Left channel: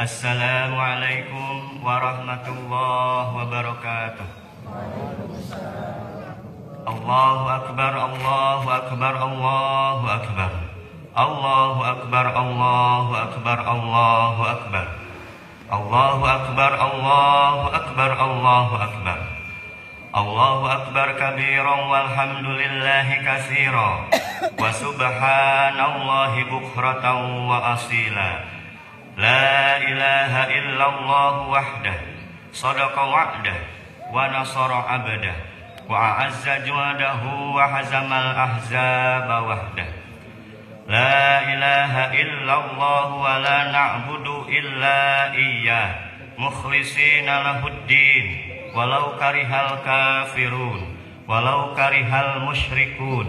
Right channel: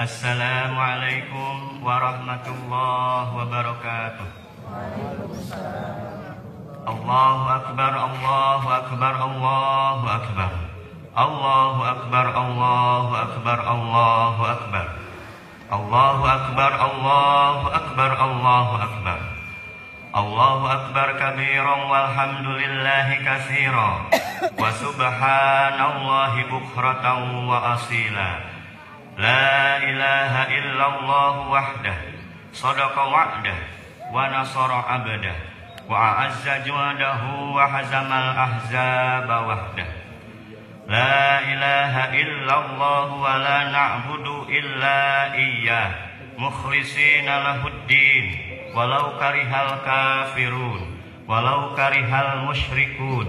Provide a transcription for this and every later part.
Assalamualaikum warahmatullahi wabarakatuh. Allahu akbar, Allahu akbar, Allahu akbar. Allahu akbar, Allahu akbar, Allahu akbar. Allahu akbar, Allahu akbar, Allahu akbar. Allahu akbar kabiran walhamdulillahi katsiran wa subhanallahi bukratan wa asila. La ilaha illallah wahdah sadaqa wa'dah wa nasara abdah wa a'azza juhdahu wa hazamal ahzaba wahdah. La ilaha illallah wa la na'budu illa iyyah mukhlishina lahuddin walau karihal kafirun walau karihal musyrikun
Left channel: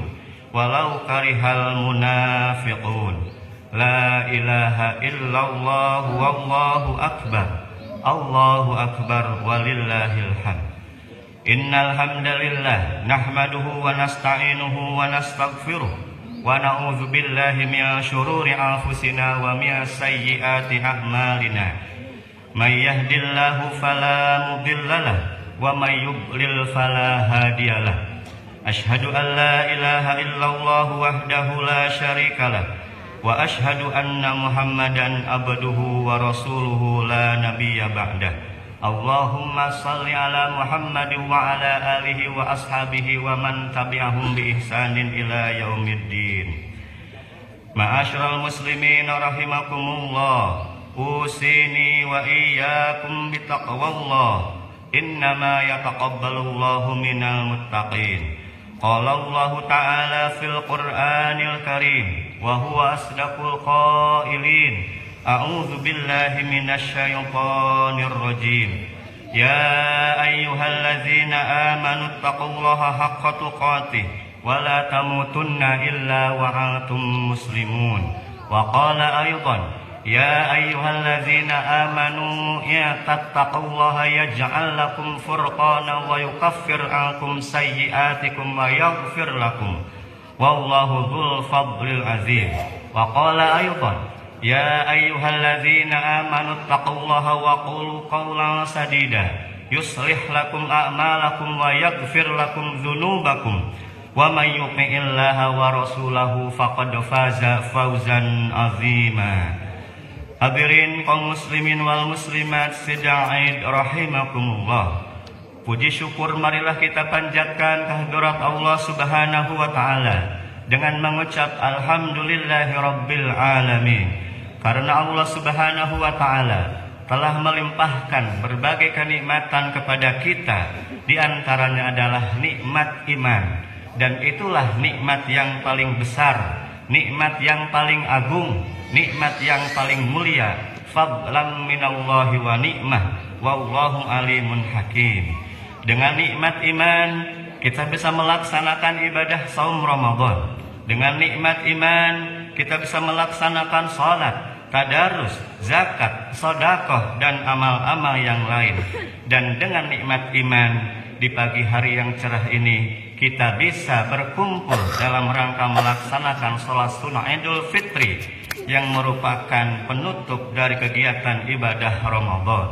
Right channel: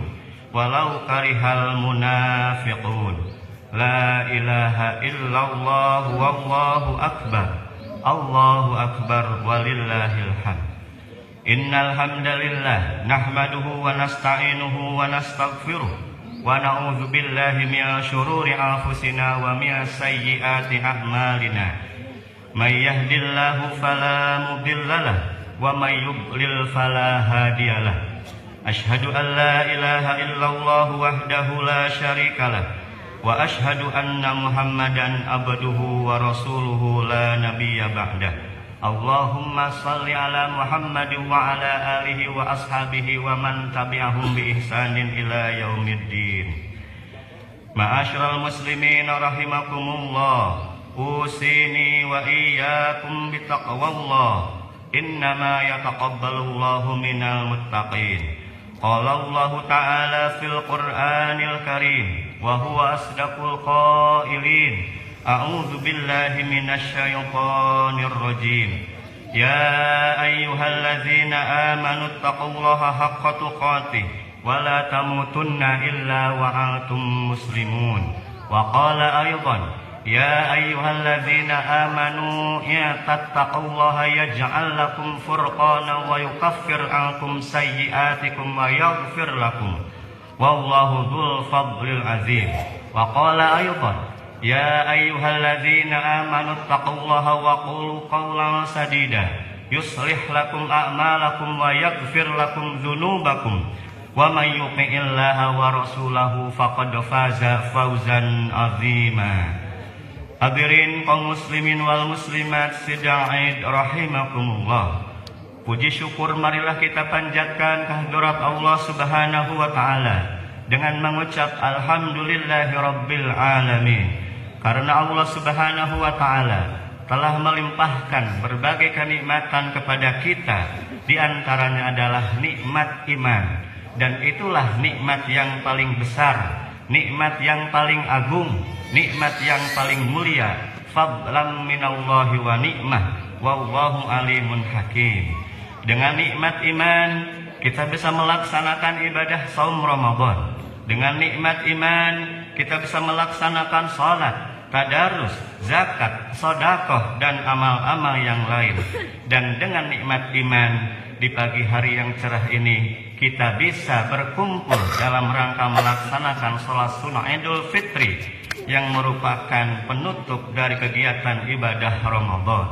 walau karihal munafiqun. La ilaha illallah wallahu akbar. Allahu akbar walillahil hamd. Innal hamdalillah nahmaduhu wa nasta'inuhu wa nastaghfiruh wa na'udzu billahi min syururi anfusina wa min sayyiati a'malina. May yahdihillahu fala mudhillalah wa may yudlil fala hadiyalah. Asyhadu an la ilaha illallah wahdahu la syarikalah wa ashhadu anna Muhammadan abduhu wa rasuluhu la nabiyya ba'dah. Allahumma salli ala Muhammadin wa ala alihi wa ashabihi wa man tabi'ahum bi ihsanin ila yaumiddin. Ma'asyiral muslimin rahimakumullah, usini wa iyyakum bittaqwallah. Innama yataqabbalullahu minal muttaqin. Qala Allah Ta'ala fil Qur'anil Karim wa huwa asdaqul qailin. A'udzu billahi minasy syaithanir rajim. Ya ayyuhalladzina amanu taqullaha haqqa tuqatih wa la tamutunna illa wa antum muslimun. Wa qala aidan ya ayyuhalladzina amanu taqullaha yaj'al lakum furqanan wa yukaffir ankum sayyi'atikum wa yaghfir lakum wallahu dzul fadlil azim. Wa qala aidan ya ayyuhalladzina amanu taqullaha wa qulu qawlan sadida yuslih lakum a'malakum wa yaghfir lakum dzunubakum wa may yuti'illaha wa rasulahu faqad faza fawzan 'azima. Hadirin kaum muslimin wal muslimat sidang Aid rahimakumullah. Puji syukur marilah kita panjatkan kehadirat Allah Subhanahu wa taala dengan mengucap alhamdulillahi rabbil alamin. Karena Allah Subhanahu wa taala telah melimpahkan berbagai kenikmatan kepada kita, di antaranya adalah nikmat iman, dan itulah nikmat yang paling besar, nikmat yang paling agung, nikmat yang paling mulia. Fadlan minallahi wa ni'mah wallahu alimun hakim. Dengan nikmat iman kita bisa melaksanakan ibadah saum Ramadan. Dengan nikmat iman kita bisa melaksanakan salat, tadarus, zakat, sedekah dan amal-amal yang lain. Dan dengan nikmat iman di pagi hari yang cerah ini kita bisa berkumpul dalam rangka melaksanakan sholat sunnah Idul Fitri yang merupakan penutup dari kegiatan ibadah Ramadan.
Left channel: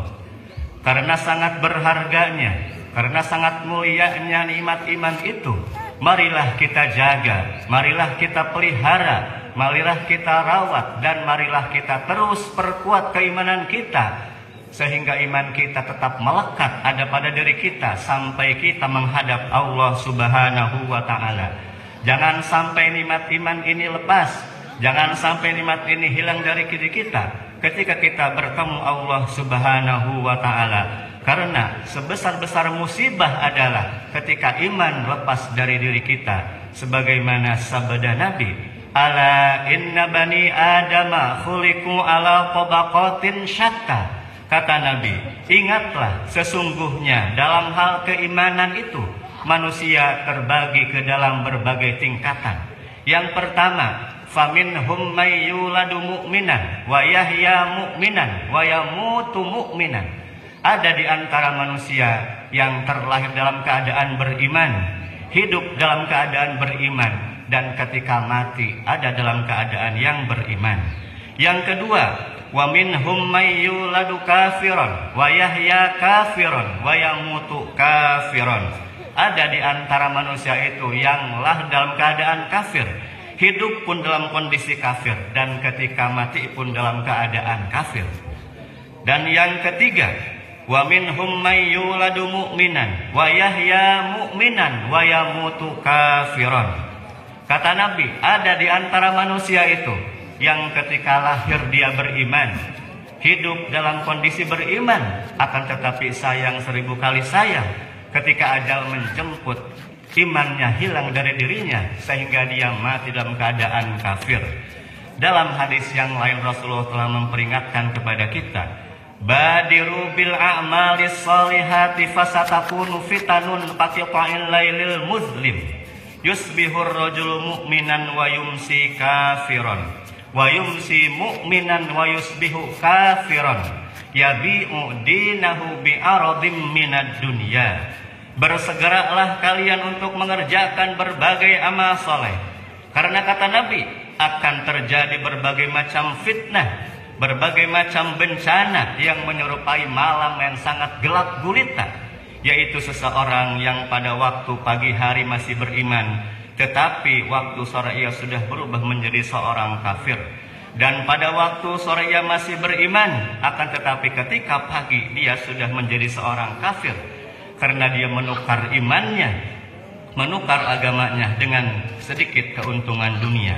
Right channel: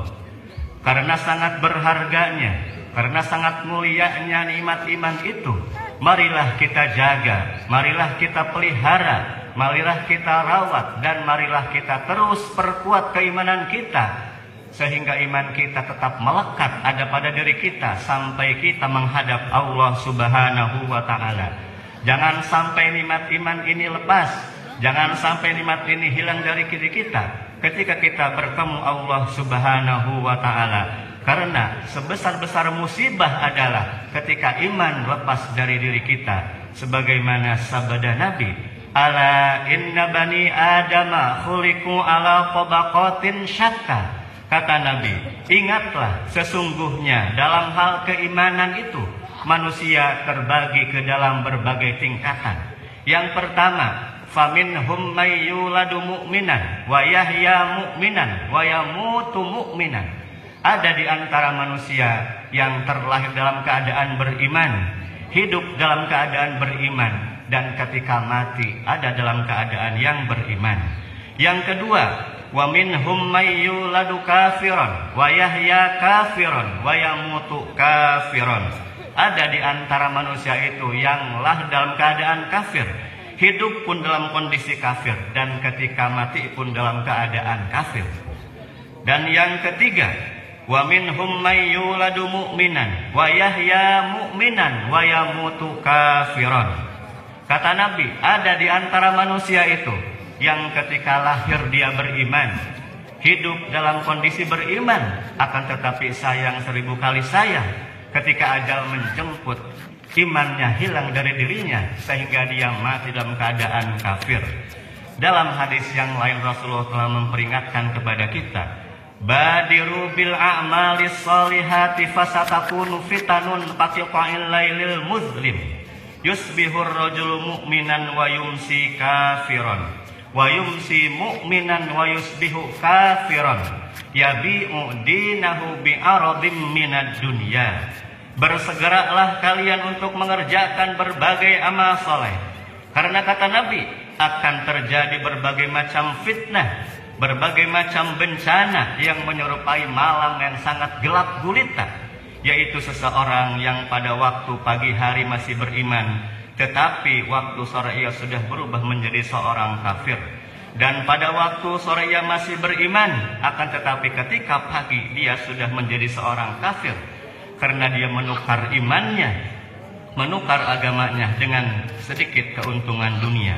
Karena sangat berharganya, karena sangat mulianya nikmat iman itu, marilah kita jaga, marilah kita pelihara, marilah kita rawat, dan marilah kita terus perkuat keimanan kita, sehingga iman kita tetap melekat ada pada diri kita sampai kita menghadap Allah Subhanahu wa taala. Jangan sampai nikmat iman ini lepas, jangan sampai nikmat ini hilang dari diri kita ketika kita bertemu Allah Subhanahu wa taala. Karena sebesar-besar musibah adalah ketika iman lepas dari diri kita. Sebagaimana sabda Nabi, ala inna bani adama khuliqu ala tabaqatin syatta. Kata Nabi, ingatlah sesungguhnya dalam hal keimanan itu manusia terbagi ke dalam berbagai tingkatan. Yang pertama, faminhum may yuladu mu'minan wa yahya mu'minan wa yamutu mu'minan. Ada di antara manusia yang terlahir dalam keadaan beriman, hidup dalam keadaan beriman, dan ketika mati ada dalam keadaan yang beriman. Yang kedua, wa minhum may yuladu kafiran wa yahya kafiran wa yamutu kafiran. Ada di antara manusia itu yang lahir dalam keadaan kafir, hidup pun dalam kondisi kafir, dan ketika mati pun dalam keadaan kafir. Dan yang ketiga, wa minhum may yuladu mu'minan wa yahya mu'minan wa yamutu kafiran. Kata Nabi, ada di antara manusia itu yang ketika lahir dia beriman, hidup dalam kondisi beriman, akan tetapi sayang 1000 kali sayang, ketika ajal menjemput, imannya hilang dari dirinya sehingga dia mati dalam keadaan kafir. Dalam hadis yang lain Rasulullah telah memperingatkan kepada kita, badiru bil a'malis salihati fasatakunu fitanun paqiqa'il lailil muslim yusbihur rajulu mu'minan wa yumsi kafiran wa yumsi mu'minan wa yusbihu kafiran yabi'u dinahu bi'aradim minad dunya. Bersegeralah kalian untuk mengerjakan berbagai amal soleh, karena kata Nabi akan terjadi berbagai macam fitnah, berbagai macam bencana yang menyerupai malam yang sangat gelap gulita, yaitu seseorang yang pada waktu pagi hari masih beriman, tetapi waktu sore ia sudah berubah menjadi seorang kafir. Dan pada waktu sore ia masih beriman, akan tetapi ketika pagi dia sudah menjadi seorang kafir, karena dia menukar imannya, menukar agamanya dengan sedikit keuntungan dunia.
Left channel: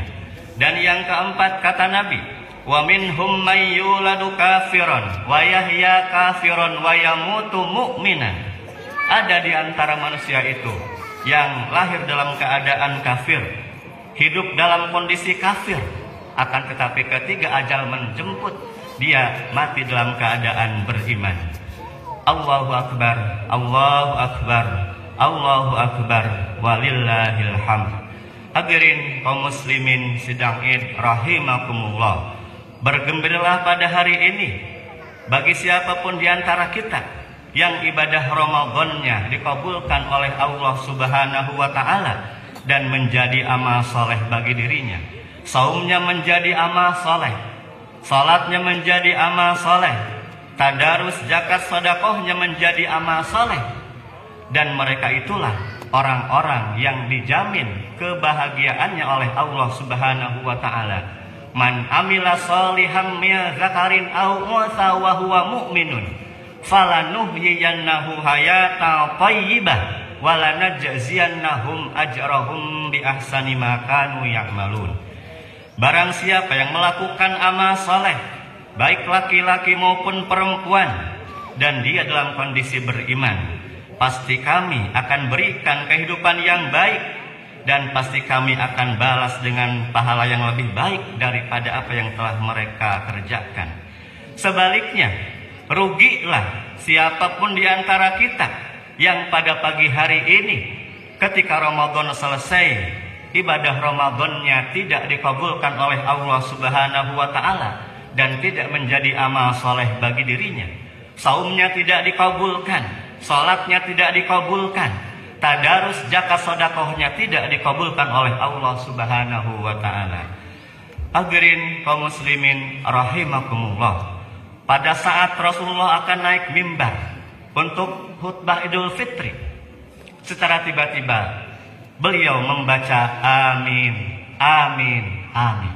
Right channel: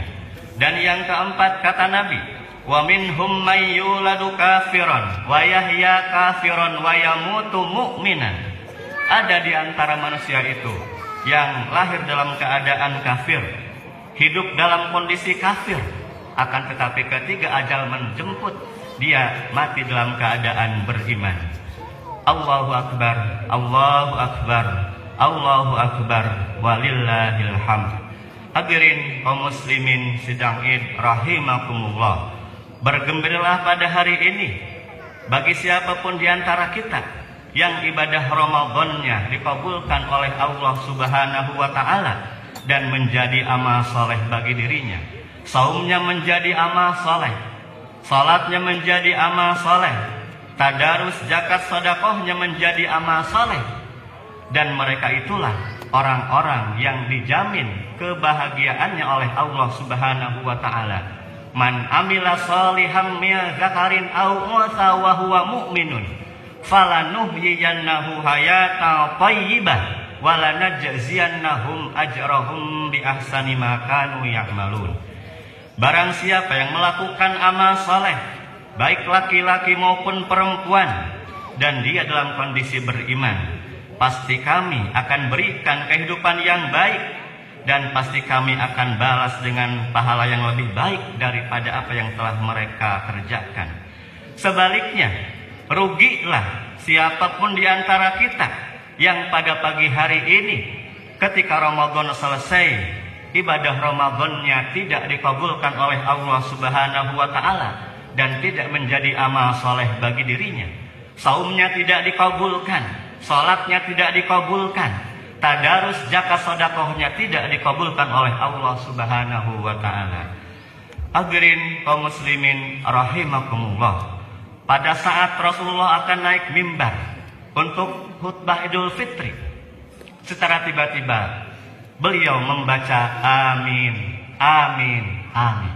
Dan yang keempat, kata Nabi, wa minhum may yuladu kafiran wa yahya kafiran wa yamutu mu'minan. Ada di antara manusia itu yang lahir dalam keadaan kafir, hidup dalam kondisi kafir, akan tetapi ketika ajal menjemput, dia mati dalam keadaan beriman. Allahu Akbar, Allahu Akbar, Allahu Akbar, walillahil hamd. Hadirin kaum muslimin sidang Id rahimakumullah. Bergembiralah pada hari ini bagi siapapun di antara kita yang ibadah Ramadannya dikabulkan oleh Allah Subhanahu wa taala dan menjadi amal saleh bagi dirinya. Saumnya menjadi amal saleh, salatnya menjadi amal saleh, tadarus zakat sedekahnya menjadi amal saleh, dan mereka itulah orang-orang yang dijamin kebahagiaannya oleh Allah Subhanahu wa taala. Man amila sholihan min zakarin aw untha wa huwa mu'minun falanuhyiyannahu hayatan thayyibah wa lanajziyannahum ajrahum bi ahsani ma kanu ya'malun. Barang siapa yang melakukan amal saleh, baik laki-laki maupun perempuan, dan dia dalam kondisi beriman, pasti kami akan berikan kehidupan yang baik, dan pasti kami akan balas dengan pahala yang lebih baik daripada apa yang telah mereka kerjakan. Sebaliknya, rugilah siapapun di antara kita yang pada pagi hari ini ketika Ramadan selesai, ibadah Ramadannya tidak dikabulkan oleh Allah Subhanahu wa taala dan tidak menjadi amal soleh bagi dirinya. Saumnya tidak dikabulkan, salatnya tidak dikabulkan, tadarus zakat sedekahnya tidak dikabulkan oleh Allah Subhanahu wa taala. Hadirin kaum muslimin rahimakumullah. Pada saat Rasulullah akan naik mimbar untuk khutbah Idul Fitri, secara tiba-tiba beliau membaca amin, amin, amin.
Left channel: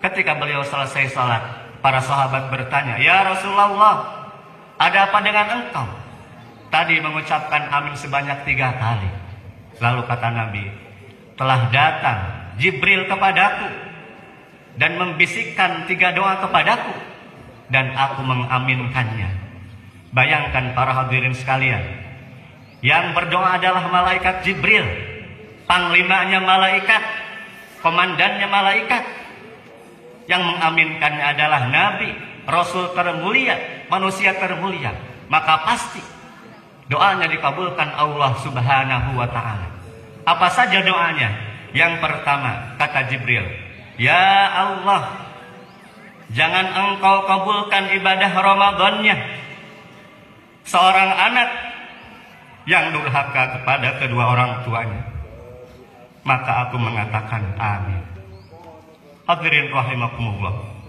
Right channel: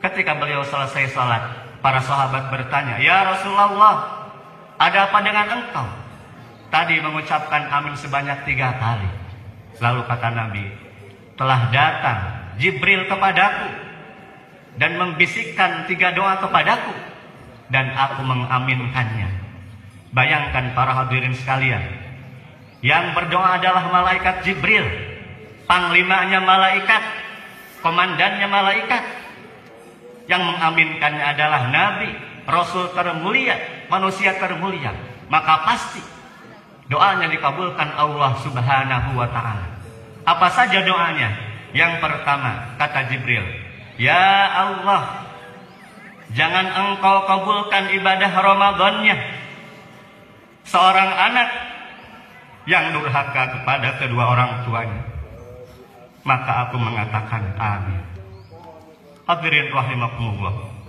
Ketika beliau selesai salat, para sahabat bertanya, ya Rasulullah, ada apa dengan engkau? Tadi mengucapkan amin sebanyak 3 kali. Lalu kata Nabi, telah datang Jibril kepadaku dan membisikkan 3 doa kepadaku, dan aku mengaminkannya. Bayangkan para hadirin sekalian, yang berdoa adalah malaikat Jibril, panglimanya malaikat, komandannya malaikat. Yang mengaminkannya adalah Nabi, Rasul termulia, manusia termulia. Maka pasti doanya dikabulkan Allah Subhanahu wa ta'ala. Apa saja doanya? Yang pertama, kata Jibril, ya Allah, jangan engkau kabulkan ibadah Ramadannya seorang anak yang durhaka kepada kedua orang tuanya. Maka aku mengatakan amin. Hadirin rahimakumullah.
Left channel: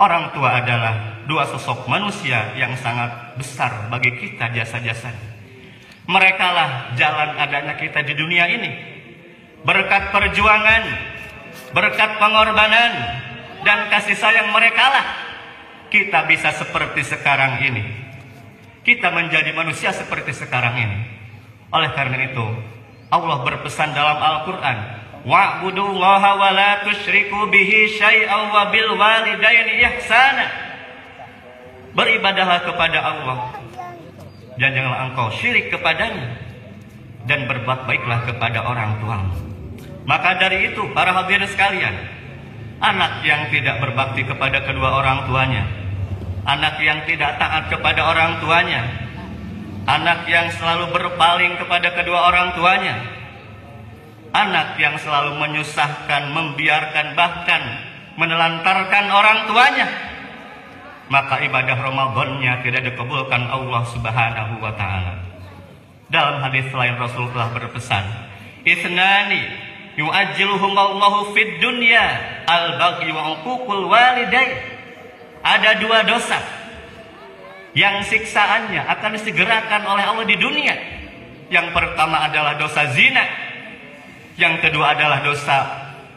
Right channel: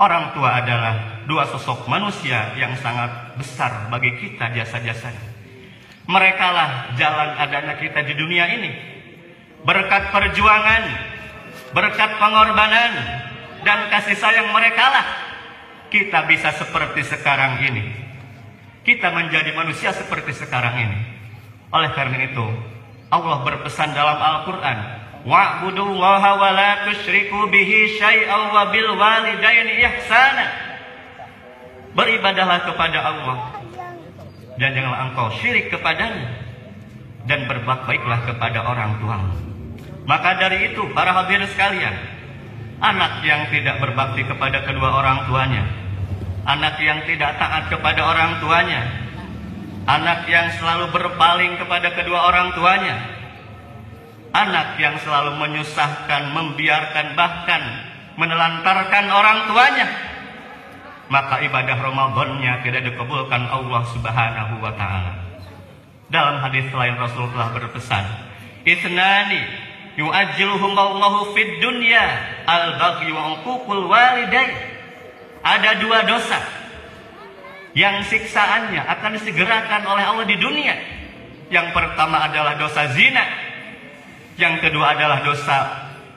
Orang tua adalah dua sosok manusia yang sangat besar bagi kita jasa-jasanya. Mereka lah jalan adanya kita di dunia ini. Berkat perjuangan, berkat pengorbanan, dan kasih sayang mereka lah kita bisa seperti sekarang ini. Kita menjadi manusia seperti sekarang ini. Oleh karena itu, Allah berpesan dalam Al-Quran, wa'budullaha wa la tusyriku bihi syai'an wa bil walidaini ihsana. Beribadahlah kepada Allah dan janganlah engkau syirik kepadanya, dan berbuat baiklah kepada orang tuamu. Maka dari itu, para hadirin sekalian, anak yang tidak berbakti kepada kedua orang tuanya, anak yang tidak taat kepada orang tuanya, anak yang selalu berpaling kepada kedua orang tuanya, anak yang selalu menyusahkan, membiarkan, bahkan menelantarkan orang tuanya, maka ibadah Ramadannya tidak dikabulkan Allah Subhanahu wa ta'ala. Dalam hadis lain Rasulullah berpesan, isnani yu'ajjiluhumullahu fid dunya al-baghi wa uququl walidain. Ada dua dosa yang siksaannya akan disegerakan oleh Allah di dunia. Yang pertama adalah dosa zina, yang kedua adalah dosa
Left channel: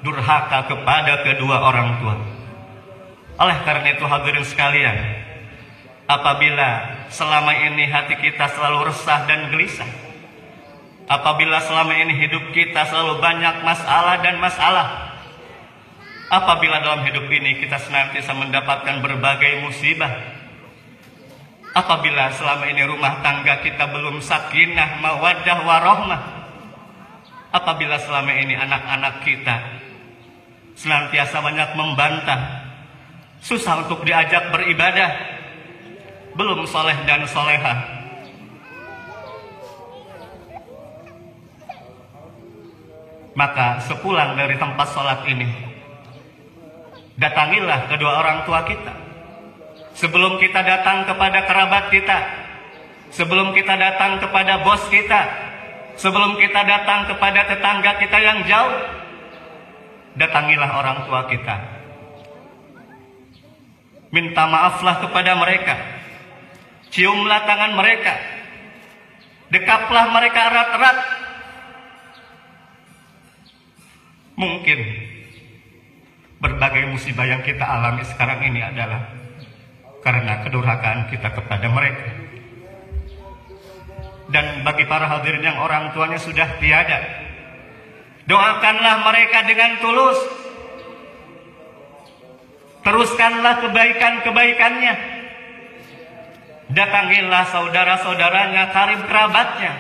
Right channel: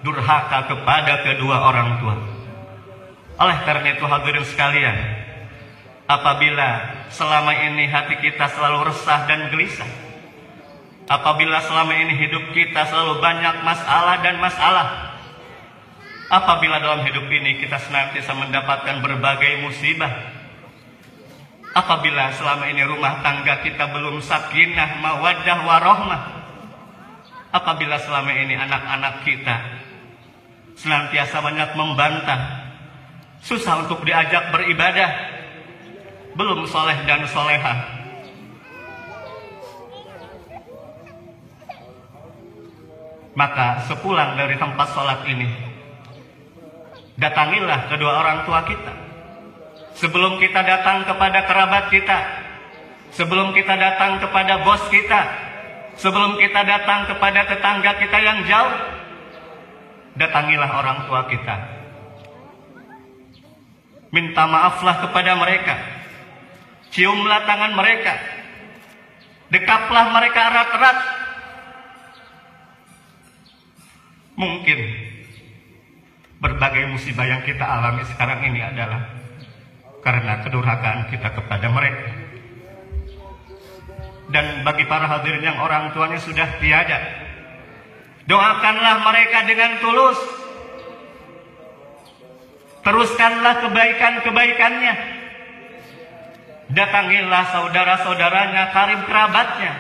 durhaka kepada kedua orang tua. Oleh karena itu hadirin sekalian, apabila selama ini hati kita selalu resah dan gelisah, apabila selama ini hidup kita selalu banyak masalah dan masalah, apabila dalam hidup ini kita senantiasa mendapatkan berbagai musibah, apabila selama ini rumah tangga kita belum sakinah, mawaddah, warahmah, apabila selama ini anak-anak kita senantiasa banyak membantah, susah untuk diajak beribadah, belum soleh dan solehah, maka sepulang dari tempat sholat ini, datangilah kedua orang tua kita. Sebelum kita datang kepada kerabat kita, sebelum kita datang kepada bos kita, sebelum kita datang kepada tetangga kita yang jauh, datangilah orang tua kita. Minta maaflah kepada mereka, ciumlah tangan mereka, dekaplah mereka erat-erat. Mungkin berbagai musibah yang kita alami sekarang ini adalah karena kedurhakaan kita kepada mereka. Dan bagi para hadirin yang orang tuanya sudah tiada, doakanlah mereka dengan tulus. Teruskanlah kebaikan-kebaikannya. Datangilah saudara-saudaranya, karib kerabatnya.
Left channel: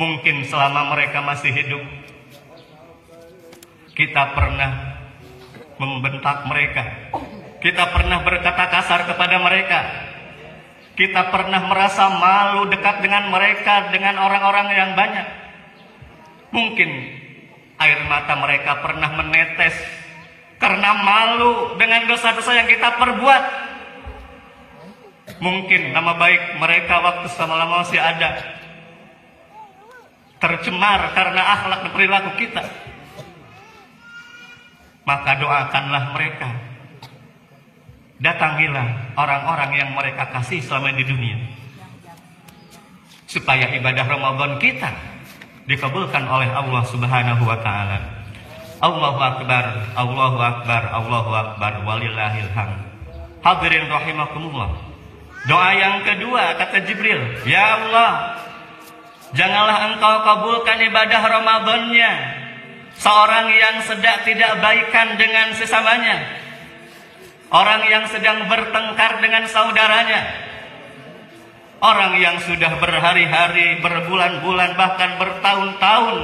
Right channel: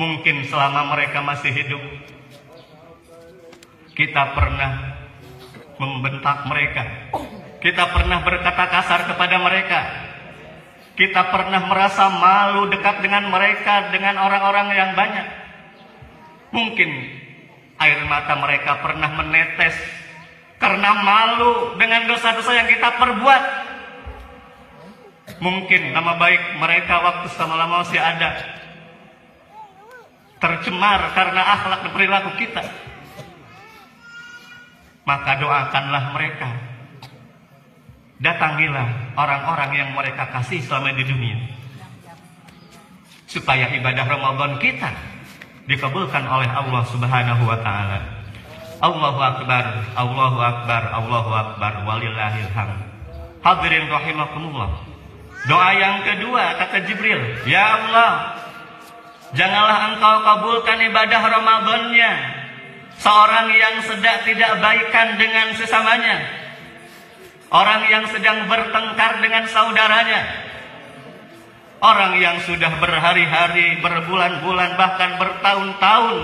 Mungkin selama mereka masih hidup, kita pernah membentak mereka, kita pernah berkata kasar kepada mereka, kita pernah merasa malu dekat dengan mereka, dengan orang-orang yang banyak. Mungkin air mata mereka pernah menetes karena malu dengan dosa-dosa yang kita perbuat. Mungkin nama baik mereka waktu sama-sama masih ada tercemar karena akhlak dan perilaku kita. Maka doakanlah mereka. Datangilah orang-orang yang mereka kasih selama di dunia, supaya ibadah Ramadan kita dikabulkan oleh Allah Subhanahu wa ta'ala. Allahu Akbar, Allahu Akbar, Allahu Akbar, walillahil hamd. Hadirin rahimakumullah. Doa yang kedua kata Jibril, ya Allah, janganlah engkau kabulkan ibadah Ramadannya seorang yang sedang tidak baikan dengan sesamanya, orang yang sedang bertengkar dengan saudaranya, orang yang sudah berhari-hari, berbulan-bulan, bahkan bertahun-tahun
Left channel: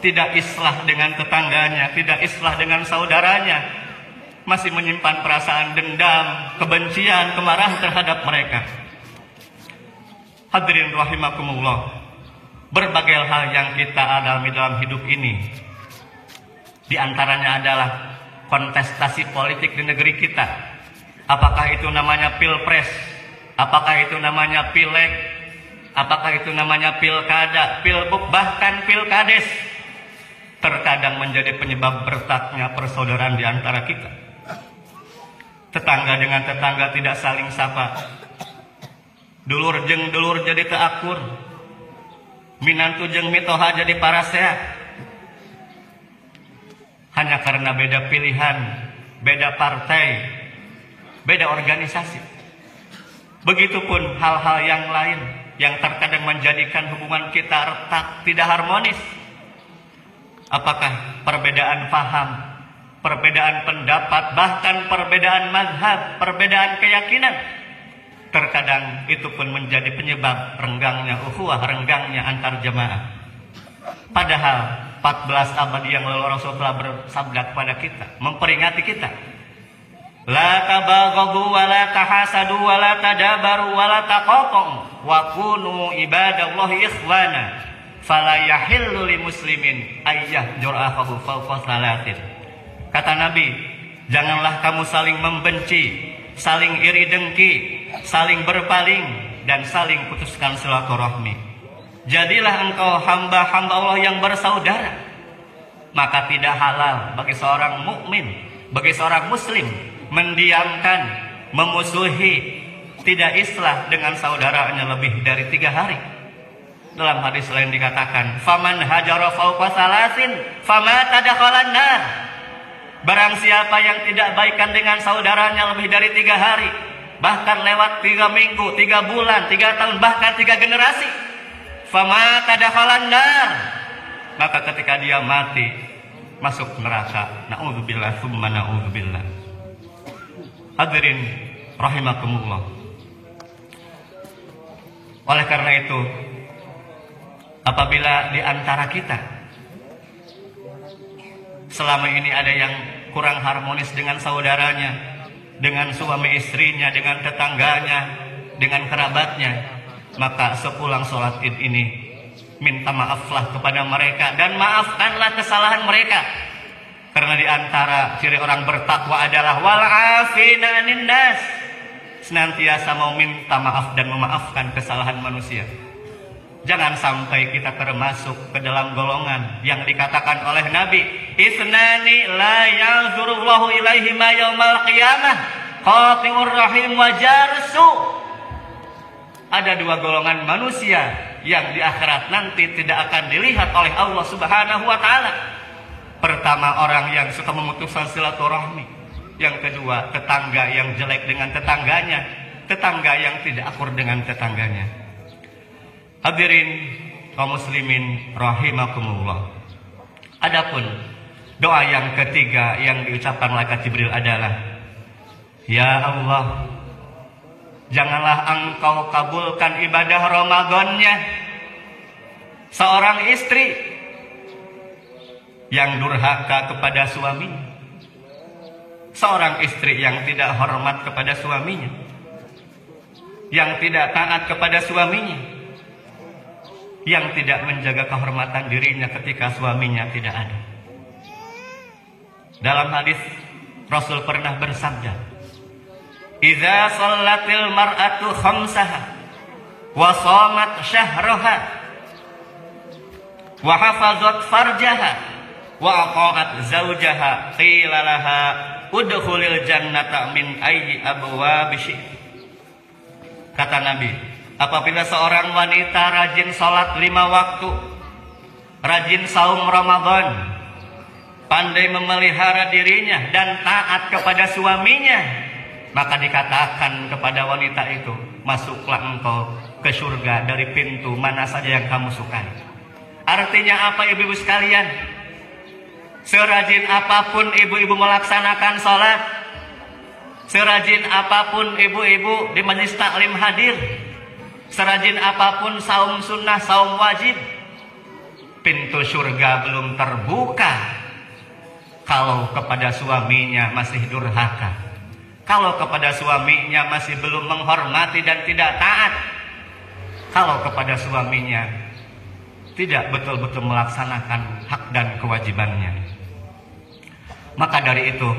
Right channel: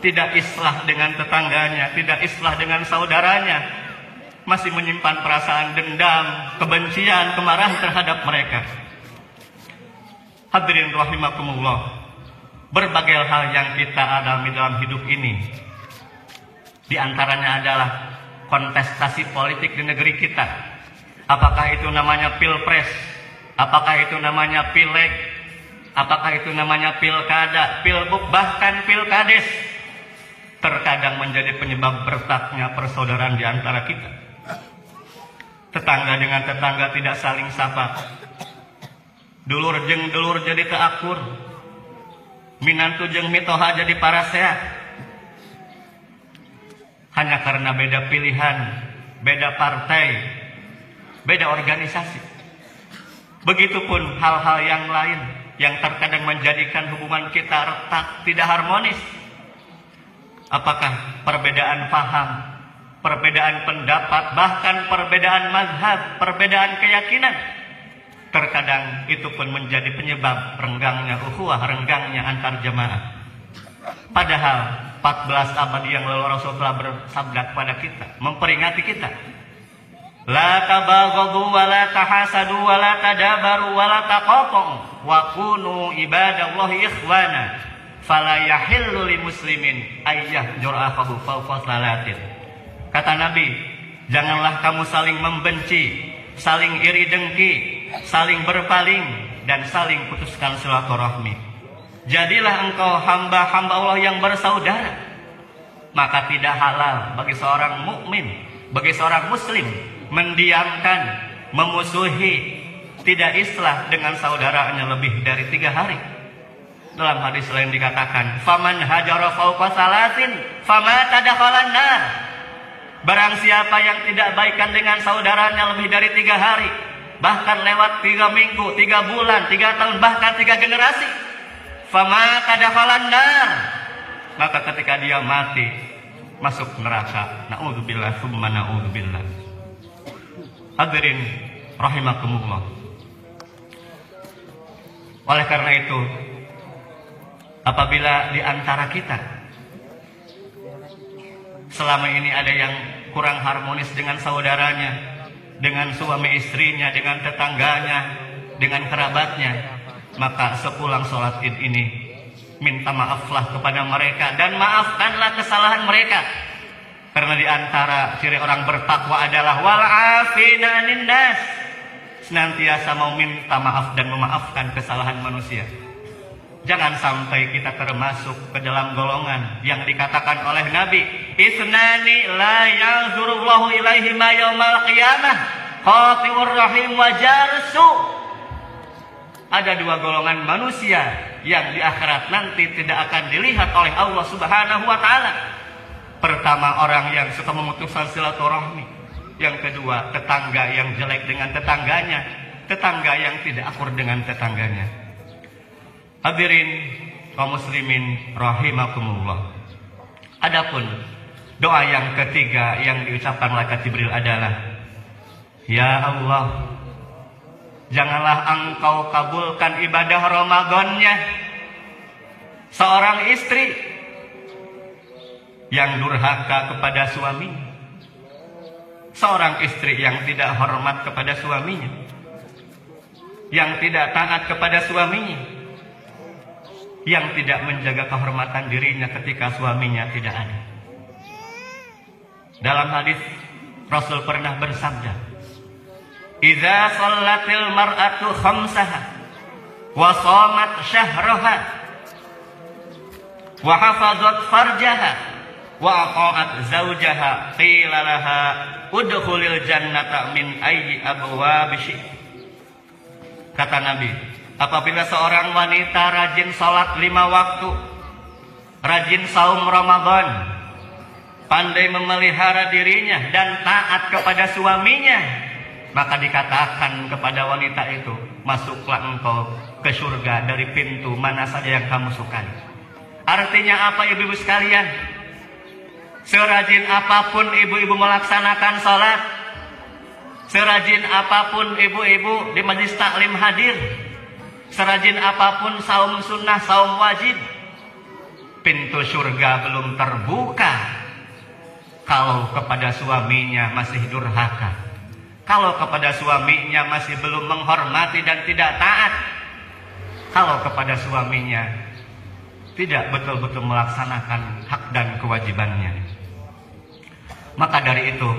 tidak islah dengan tetangganya, tidak islah dengan saudaranya, masih menyimpan perasaan dendam, kebencian, kemarahan terhadap mereka. Hadirin rahimakumullah, berbagai hal yang kita alami dalam hidup ini, di antaranya adalah kontestasi politik di negeri kita. Apakah itu namanya pilpres, apakah itu namanya pileg, apakah itu namanya pilkada, pilbuk, bahkan pilkades, terkadang menjadi penyebab retaknya persaudaraan di antara kita. Tetangga dengan tetangga tidak saling sapa. Dulur jeung dulur jadi teu akur. Minantu jeung mitoha jadi parasehat. Hanya karena beda pilihan, beda partai, beda organisasi. Begitupun hal-hal yang lain yang terkadang menjadikan hubungan kita retak, tidak harmonis. Apakah perbedaan paham, perbedaan pendapat, bahkan perbedaan mazhab, perbedaan keyakinan? Terkadang itu pun menjadi penyebab renggangnya ukhuwah, renggangnya antar jemaah. Padahal 14 abad yang lalu Rasulullah bersabda kepada kita, memperingati kita, la tabaghadu wa la tahasadu wa la tadabaru wa la taqatum wa kunu ibadallahi ikhwana fala yahillu li muslimin ayyah jur'afahu fawqa salatin. Kata Nabi, janganlah kamu saling membenci, saling iri dengki, saling berpaling, dan saling putuskan silaturahmi. Jadilah engkau hamba-hamba Allah yang bersaudara. Maka tidak halal bagi seorang mukmin, bagi seorang muslim mendiamkan, memusuhi, tidak islah dengan saudaranya lebih dari 3 hari. Dalam hadis lain dikatakan, faman hajara fawqa salasin famata dakhalan nar. Barang siapa yang tidak baikan dengan saudaranya lebih dari 3 hari, bahkan lewat 3 minggu, 3 bulan, 3 tahun, bahkan 3 generasi, famata dakhalan nar, maka ketika dia mati masuk neraka. Na'udzubillah tsumma na'udzubillah. Hadirin rahimakumullah. Oleh karena itu, apabila di antara kita selama ini ada yang kurang harmonis dengan saudaranya, dengan suami istrinya, dengan tetangganya, dengan kerabatnya, maka sepulang sholat id ini minta maaflah kepada mereka dan maafkanlah kesalahan mereka. Karena di antara ciri orang bertakwa adalah wal afina 'anil nas, senantiasa mau minta maaf dan memaafkan kesalahan manusia. Jangan sampai kita termasuk ke dalam golongan yang dikatakan oleh Nabi, isnani la yanzurullahu ilaihima yaumal qiyamah, qati'ur rahim wa jarsu. Ada 2 golongan manusia yang di akhirat nanti tidak akan dilihat oleh Allah Subhanahu wa taala. Pertama, orang yang suka memutuskan silaturahmi. Yang kedua, tetangga yang jelek dengan tetangganya, tetangga yang tidak akur dengan tetangganya. Hadirin kaum muslimin rahimakumullah. Adapun doa yang ketiga yang diucapkan malaikat Jibril adalah, ya Allah, janganlah engkau kabulkan ibadah Ramadannya seorang istri yang durhaka kepada suaminya, seorang istri yang tidak hormat kepada suaminya, yang tidak taat kepada suaminya, yang tidak menjaga kehormatan dirinya ketika suaminya tidak ada. Dalam hadis Rasul pernah bersabda, idza shallatil mar'atu khamsaha wa shamat syahraha wa hafazat farjaha wa ata'at zawjaha qila laha udkhulil jannata min ayyi abwabi syi'ti. Kata Nabi, apabila seorang wanita rajin salat 5 waktu, rajin saum Ramadan, pandai memelihara dirinya dan taat kepada suaminya, maka dikatakan kepada wanita itu, masuklah engkau ke surga dari pintu mana saja yang kamu sukai. Artinya apa, ibu-ibu sekalian? Serajin apapun ibu-ibu melaksanakan sholat, serajin apapun ibu-ibu di majelis taklim hadir, serajin apapun saum sunnah, saum wajib, pintu surga belum terbuka kalau kepada suaminya masih durhaka, kalau kepada suaminya masih belum menghormati dan tidak taat, kalau kepada suaminya tidak betul-betul melaksanakan hak dan kewajibannya. Maka dari itu,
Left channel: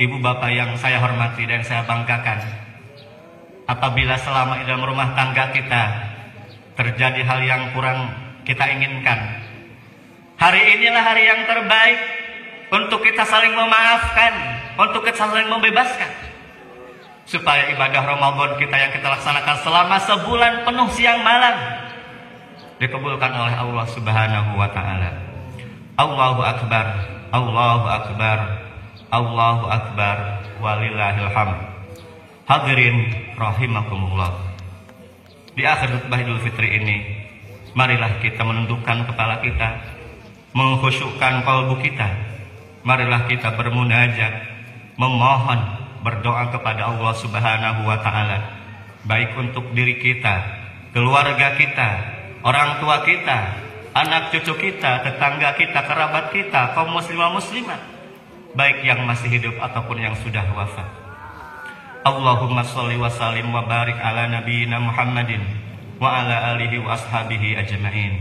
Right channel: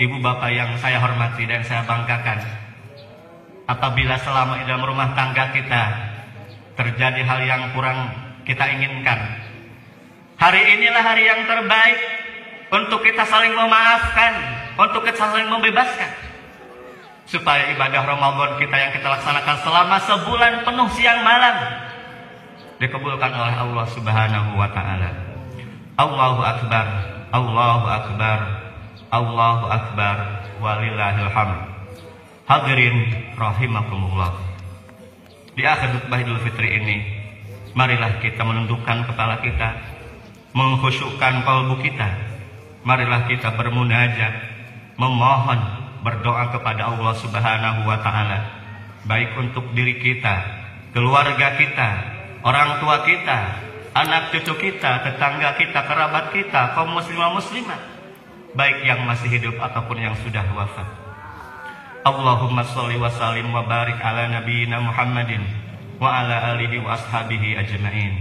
ibu bapak yang saya hormati dan saya banggakan, apabila selama di dalam rumah tangga kita terjadi hal yang kurang kita inginkan, hari inilah hari yang terbaik untuk kita saling memaafkan, untuk kita saling membebaskan. supaya ibadah Ramadan kita yang kita laksanakan selama sebulan penuh siang malam dikabulkan oleh Allah Subhanahu wa taala. Allahu akbar, Allahu akbar, Allahu akbar, walillahil hamd. Hadirin rahimakumullah. Di akhir khutbah Idul Fitri ini, marilah kita menundukkan kepala kita, mengkhusyukkan kalbu kita. Marilah kita bermunajat, memohon, berdoa kepada Allah Subhanahu wa taala, baik untuk diri kita, keluarga kita, orang tua kita, anak cucu kita, tetangga kita, kerabat kita, kaum muslimah muslimat, baik yang masih hidup ataupun yang sudah wafat. Allahumma sholli wa sallim wa barik ala nabiyyina Muhammadin wa ala alihi wa ashabihi ajma'in.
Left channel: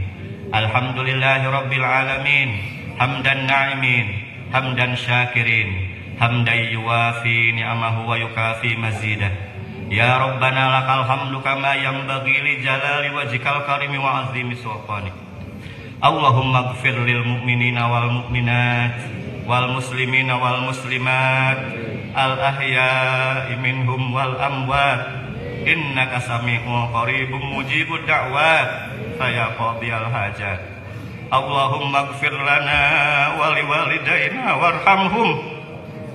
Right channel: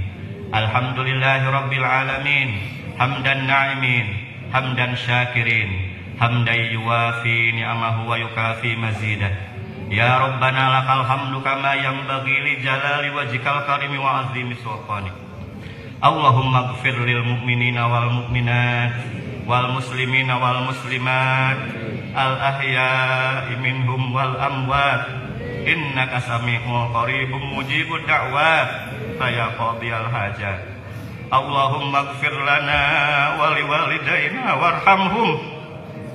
Alhamdulillahi rabbil alamin, hamdan na'imin, hamdan syakirin, hamdan yuwafi ni'amahu wa yukafi mazidah. Ya Rabbana lakal hamdu kama yanbaghi li jalali wajhikal karimi wa azimi sultanik. Allahumma ighfir lil mu'minina wal mu'minat wal muslimina wal muslimat al ahya'i minhum wal amwat innaka sami'un qaribun mujibud da'wat ya qadiyal hajat. Allahumma ighfir lana wa liwalidayna warhamhum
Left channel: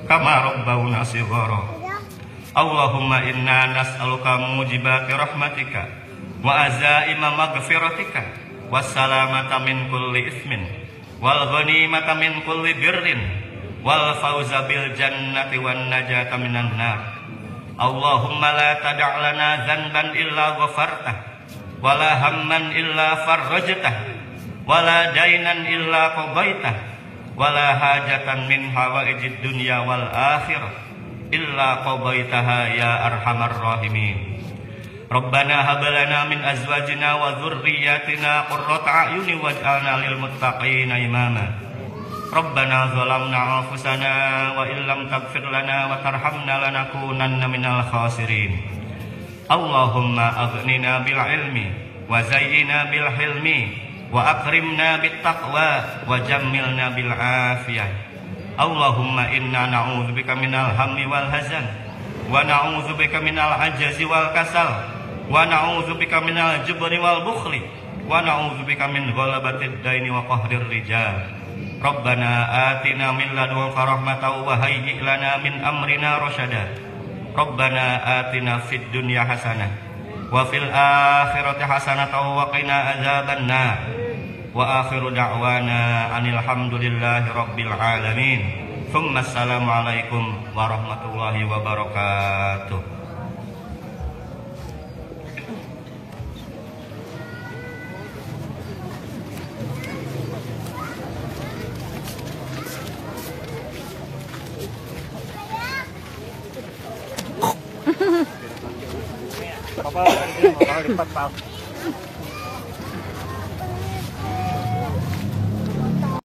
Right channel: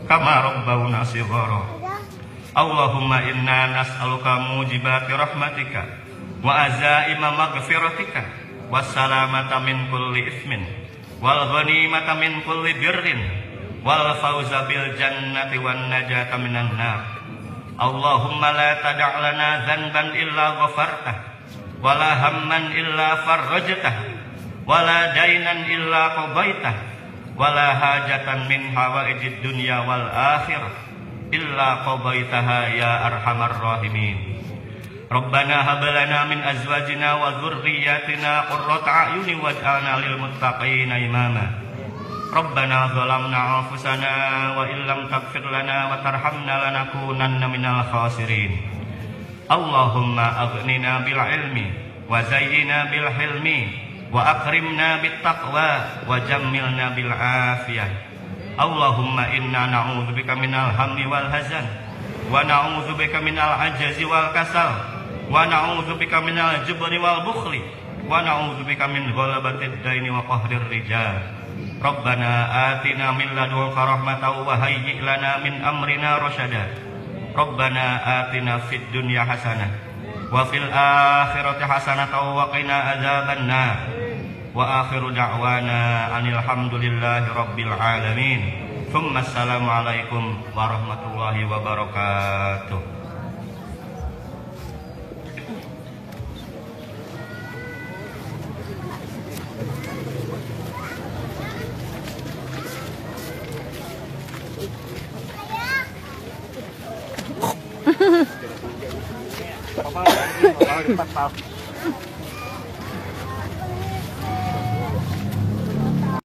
kama rabbawna shighara. Allahumma inna nas'aluka mujibati rahmatika wa azaima maghfiratika wassalamata min kulli ismin wal ghanimata min kulli birrin wal fawza bil jannati wan najata minan nar. Allahumma la tada' lana dhanban illa ghafartah wala hamman illa farrajtah wala dainan illa qadaitah wala hajatan min hawaijid dunya wal akhirah illa qadaitaha ya arhamar rahimin. Rabbana hab lana min azwajina wa dhurriyyatina qurrata a'yunin waj'alna lil muttaqina imama. Rabbana zalamna anfusana wa illam taghfir lana wa tarhamna lanakunanna minal khasirin. Allahumma aghnina bil ilmi wa zayyina bil hilmi wa akrimna bit taqwa wa jammilna bil afiyah. Allahumma inna na'udzubika minal hammi wal hazan wa na'udzubika minal ajazi wal kasal wa na'udzubika minal jubri wal bukhli wa na'udzubika min ghalabatid daini wa qahrir rijal. Rabbana atina min ladunka rahmatan wa hayyi' lana min amrina rasyada. Rabbana atina fid dunya hasanah wa fil akhirati hasanah wa qina adzabannar. Wa akhiru da'wana anil hamdulillahi rabbil alamin. Tsumma assalamu alaikum warahmatullahi wabarakatuh. Apa?